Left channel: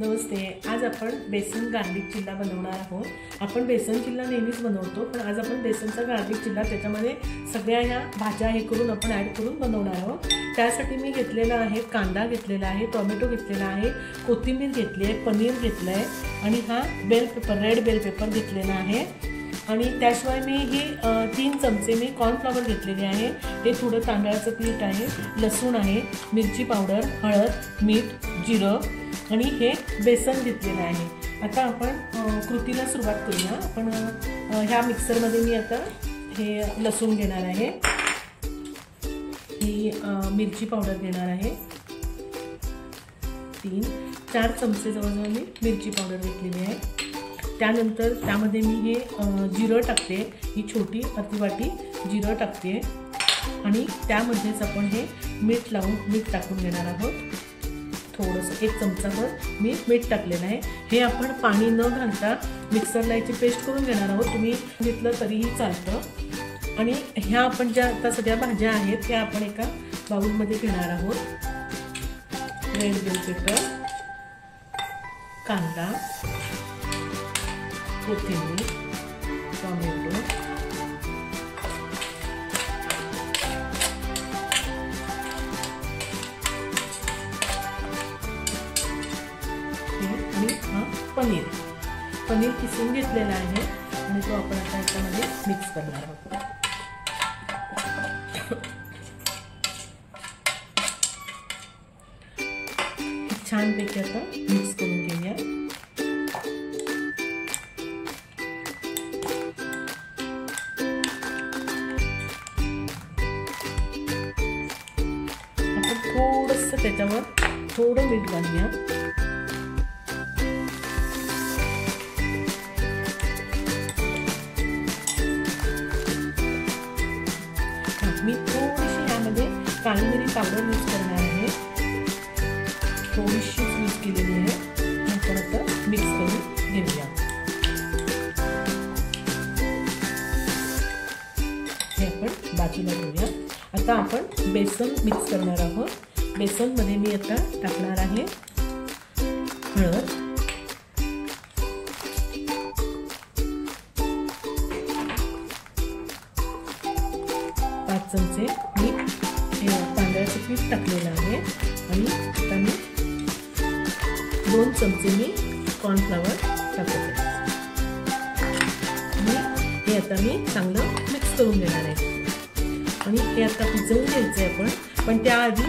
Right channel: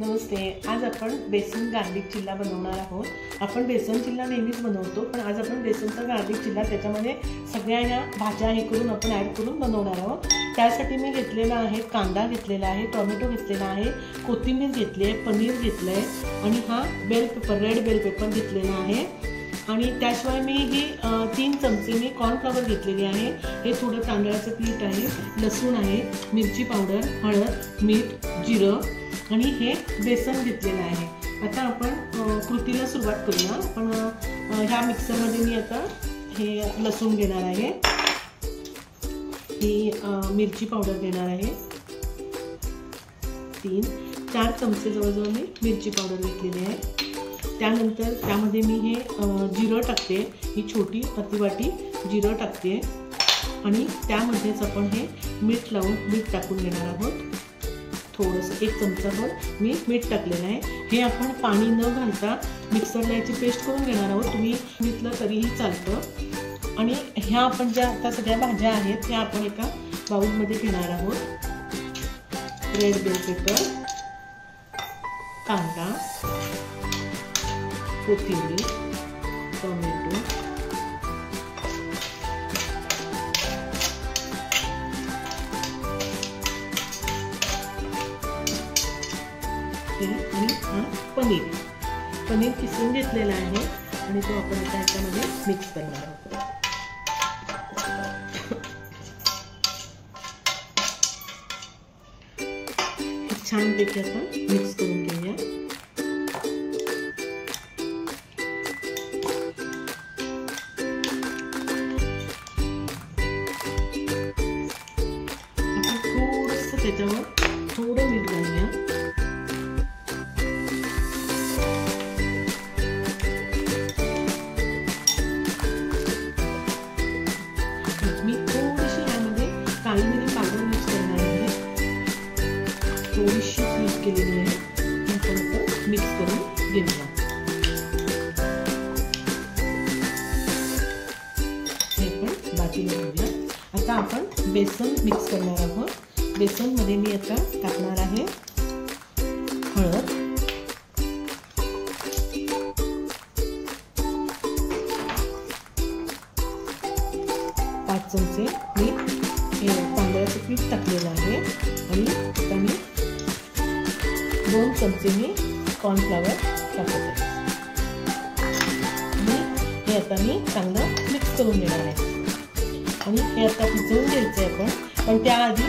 नमस्ते। आज आपण बेसन गार्लिक चिल्ला बनवणार आहोत। आपण बेसन चिल्ला नेहमीच बनवतो, पण आज आपण बेसनचा गार्लिक चिल्ला त्याच्यामध्ये सगळ्या ह्या भाज्या हे करून आपण ॲड करून बनवणार आहोत। त्यासाठी मी घेतलेला आहे कांदा घेतलेला आहे, टोमॅटो घेतलेला आहे, कोथिंबीर घेतली आहे, पनीर घेतलं आहे आणि हा bell pepper red bell pepper घेतलेला आहे। आणि त्याशिवाय मी ही 3 चमचे मी कॉर्नफ्लॉवर घेतलेली आहे। हे थोडं तांदळाचं पीठ आहे, लसूण आहे, मिरची पावडर, हळद, मीठ, जिरं आणि हे बेसन घेतलेलं आहे। आता आपण कृतीला सुरुवात करूया। आपण ह्या मिक्सरमध्ये मी आता हे लसूण घेणार आहे, ही मिरची पावडर घेणार आहे, 3-4 चमचे जवळजवळ मी मिरची पावडर घेतलेली आहे। त्यानंतर त्यामध्ये मी हे जिरं टाकते, ही छोटी अर्धी वाटी जिरं टाकते आणि त्यामध्येच आपण हे मीठ लावून मीठ टाकून घेणार आहोत। थोडंसं 1 चमचाभर मी मीठ टाकलेलं आहे। हे आपण पाणी न घालता मिक्सरला याची पेस्ट करून घेणार आहोत, तुम्ही घेतलं तरीही चालतं। आणि ह्या आपण ज्या आता सगळ्या भाज्या आहेत त्या आपण एका बाउलमध्ये घेणार आहोत। रेड बेल पेपर, कांदा, कोथिंबीर, टोमॅटो, आणि पनीर किसून घेतलेला आहे आणि तो आपण आता याच्यामध्ये मिक्स करणार आहोत। छानपैकी आता मिक्स करून घेऊया। आपण थोडंसं त्याच्यावर थोडं मीठ घालूया। मी थोडीशी यामध्ये काळी मिरी पावडर यूज करणार आहे, थोडीशी यूज केलेली आहे। आपण आता मिक्स करून घेऊया। हे आपण बाजूला घेऊया। आता आपण बेसन मिक्स करणार आहोत। बेसनमध्ये मी आता टाकणार आहे हळद, चमचे मी तांदळाचं पीठ टाकलेलं आहे आणि आता मी 2 चमचे मी कॉर्नफ्लॉवर टाकते आणि हे आता मी चांगलं मिक्स करून घेणार आहे। आणि हे आता भिजवून घ्यायचं आहे आपण, पण त्याआधी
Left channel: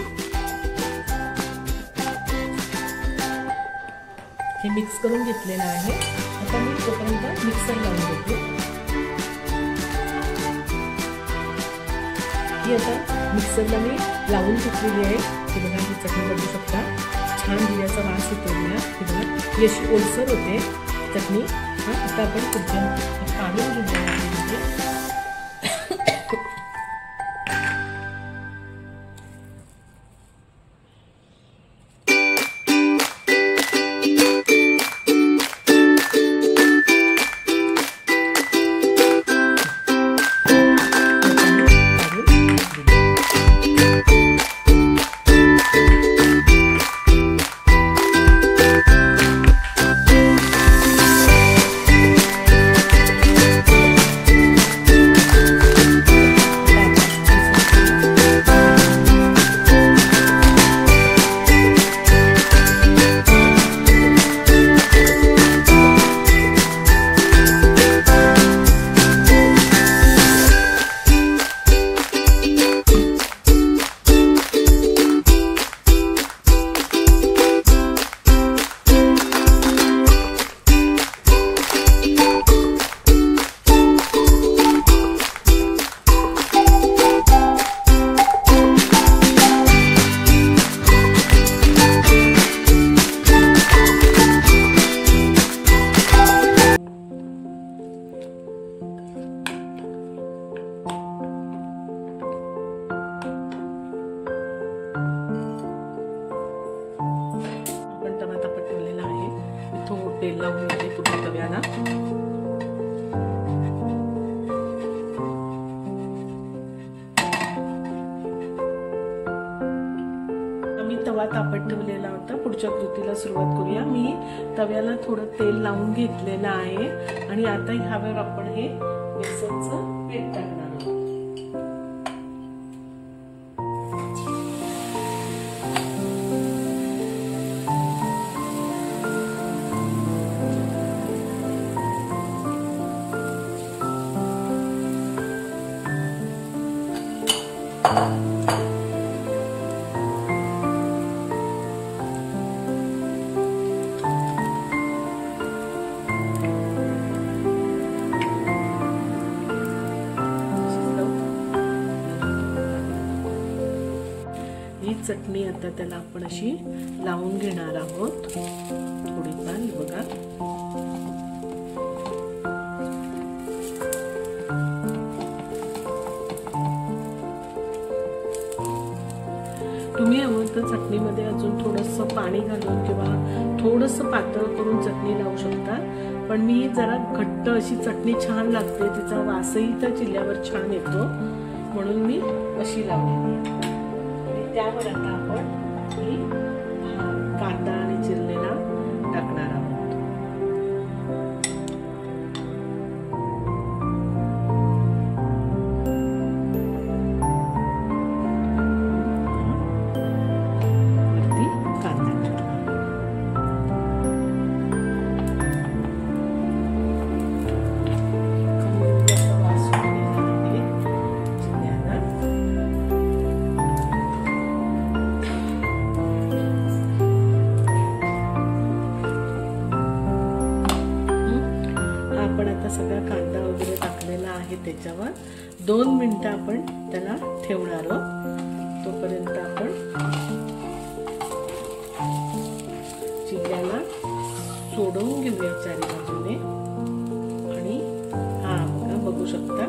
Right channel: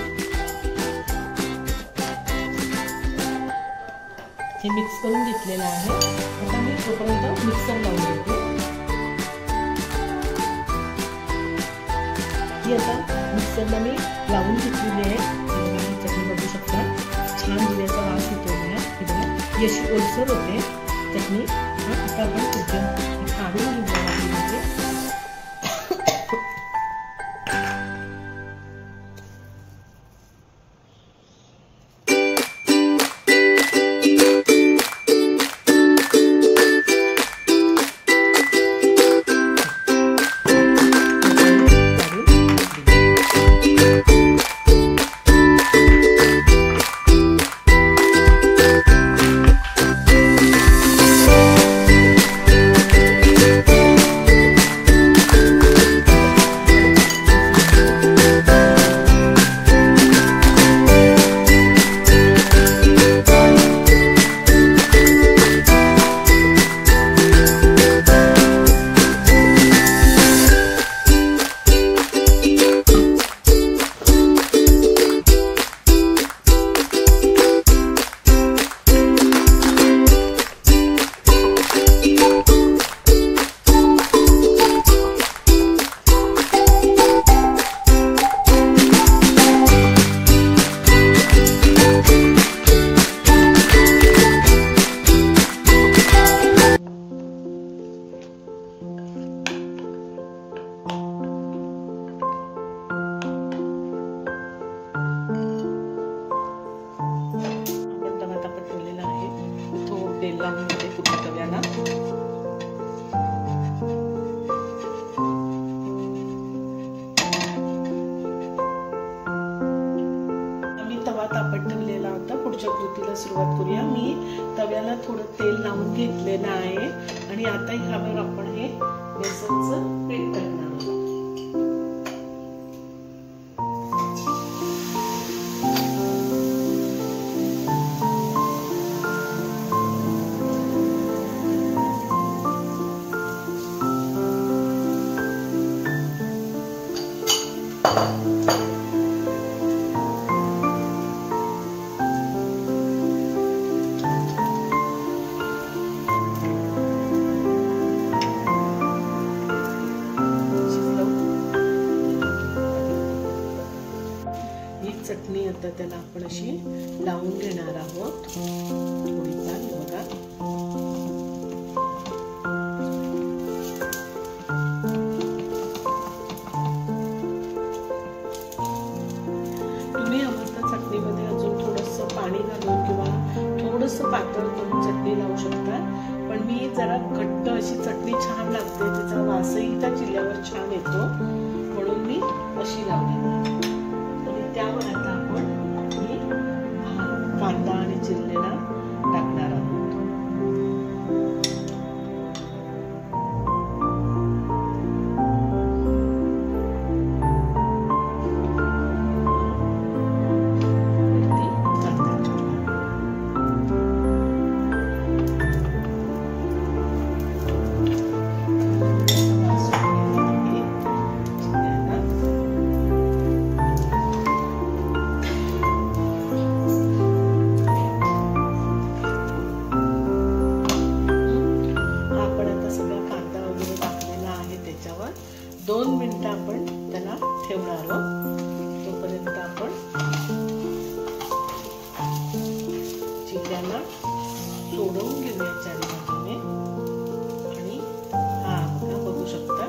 हे मिक्स करून घेतलेलं आहे। आता मी तोपर्यंत मिक्सर लावून घेते। आता मिक्सरला मी लावून घेतलेली आहे। तुम्ही ही चटणी बघू शकता, छान दिल्याचा वास येतो मला, ही अशी ओलसर होते चटणी। आता आपण काढून घेऊया। तेल लावून घेते पूर्ण तव्याला। मी तवा तापत ठेवलेला होता. पुढच्या कृतीला सुरुवात करूया. मी तव्याला थोडं तेल लावून घेतलेलं आहे आणि आता ह्यावर आपण हे बेसनचं पीठ टाकणार आहोत. चटणी आता त्याला आपण अशी लावून घेणार आहोत. थोडीफार बघा. तुम्ही हवं तर चटणीमध्ये अजून थोडंसं पाणी घालून किंवा थोडंसं पातळ करून चटणी लावू शकता. पण मी जरा घट्ट अशी चटणी छान लागते, तिचा वासही त्या चिल्ल्यावर छान येतो, म्हणून मी अशी लावली. त्यावर आता आपण ही कांदा आणि चिरलेला टाकणार आहोत. वरती कांदा त्याच्यावर 2 मिनिटं आपण त्याला ठेवणार आहोत. तोपर्यंत आपण चिल्ल्याला सोडवून घेऊया चारी बाजूने. आणि हा बघा, बघू शकता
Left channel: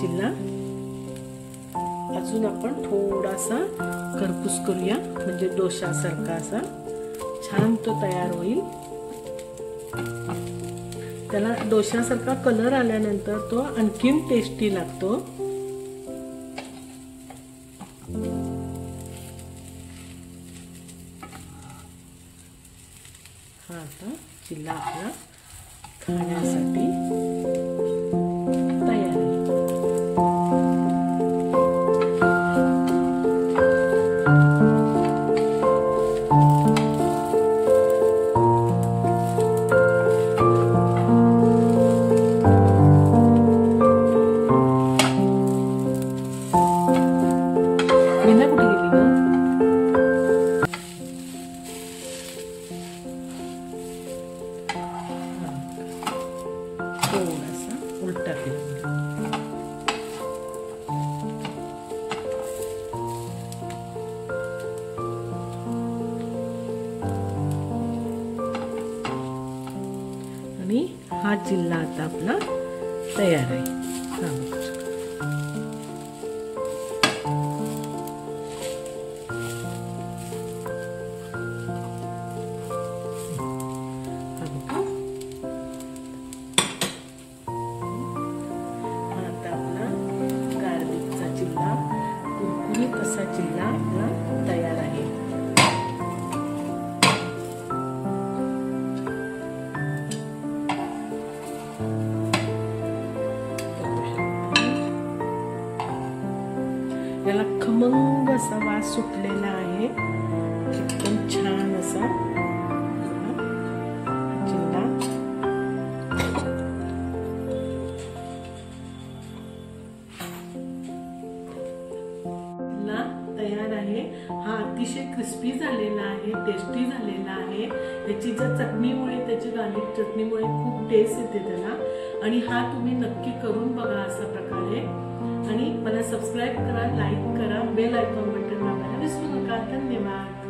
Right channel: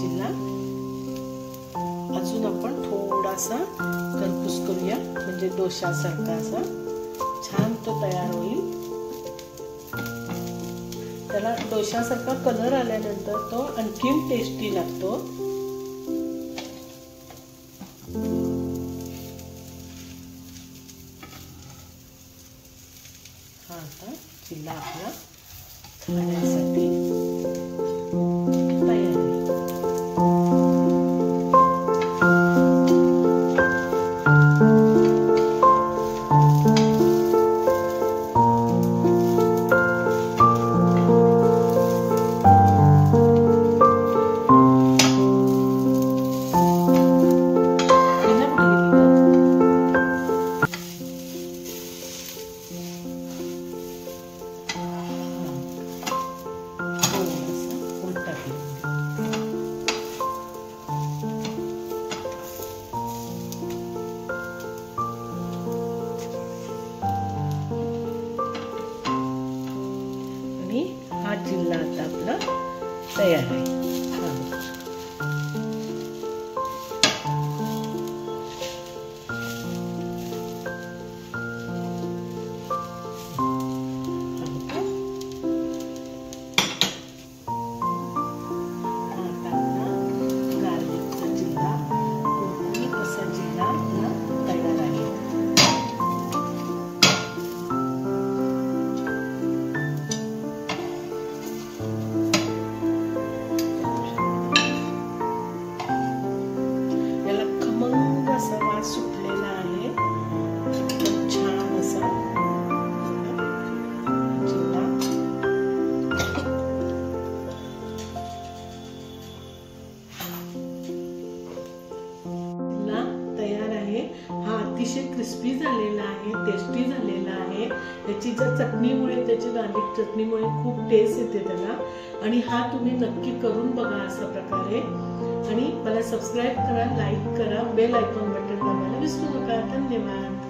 चिल्ला अजून आपण थोडासा खरपूस करूया, म्हणजे डोशासारखा असा छान तो तयार होईल. त्याला डोशासारखा कलर आल्यानंतर तो आणखीन टेस्टी लागतो. हा आता चिल्ला आपला खाण्यासाठी तयार आहे. हा चिल्ला आता आपला तयार आहे. आता आपला गार्लिकचा चिल्ला, कुरकुरीत असा चिल्ला आपला तयार आहे. खमंग असा वास सुटलेला आहे, एकदम छान असा चिल्ला. चिल्ला तयार आहे. हा अतिशय क्रिस्पी झालेला आहे, टेस्टी झालेला आहे. याची ज्या चटणीमुळे, त्याची गार्लिक चटणीमुळे खूप टेस्ट येते त्याला. आणि हा तुम्ही नक्की करून बघा अशा प्रकारे. आणि मला सबस्क्राईब करा, लाईक करा, बेल आयकॉन बटन दाबायला विसरू नका. धन्यवाद.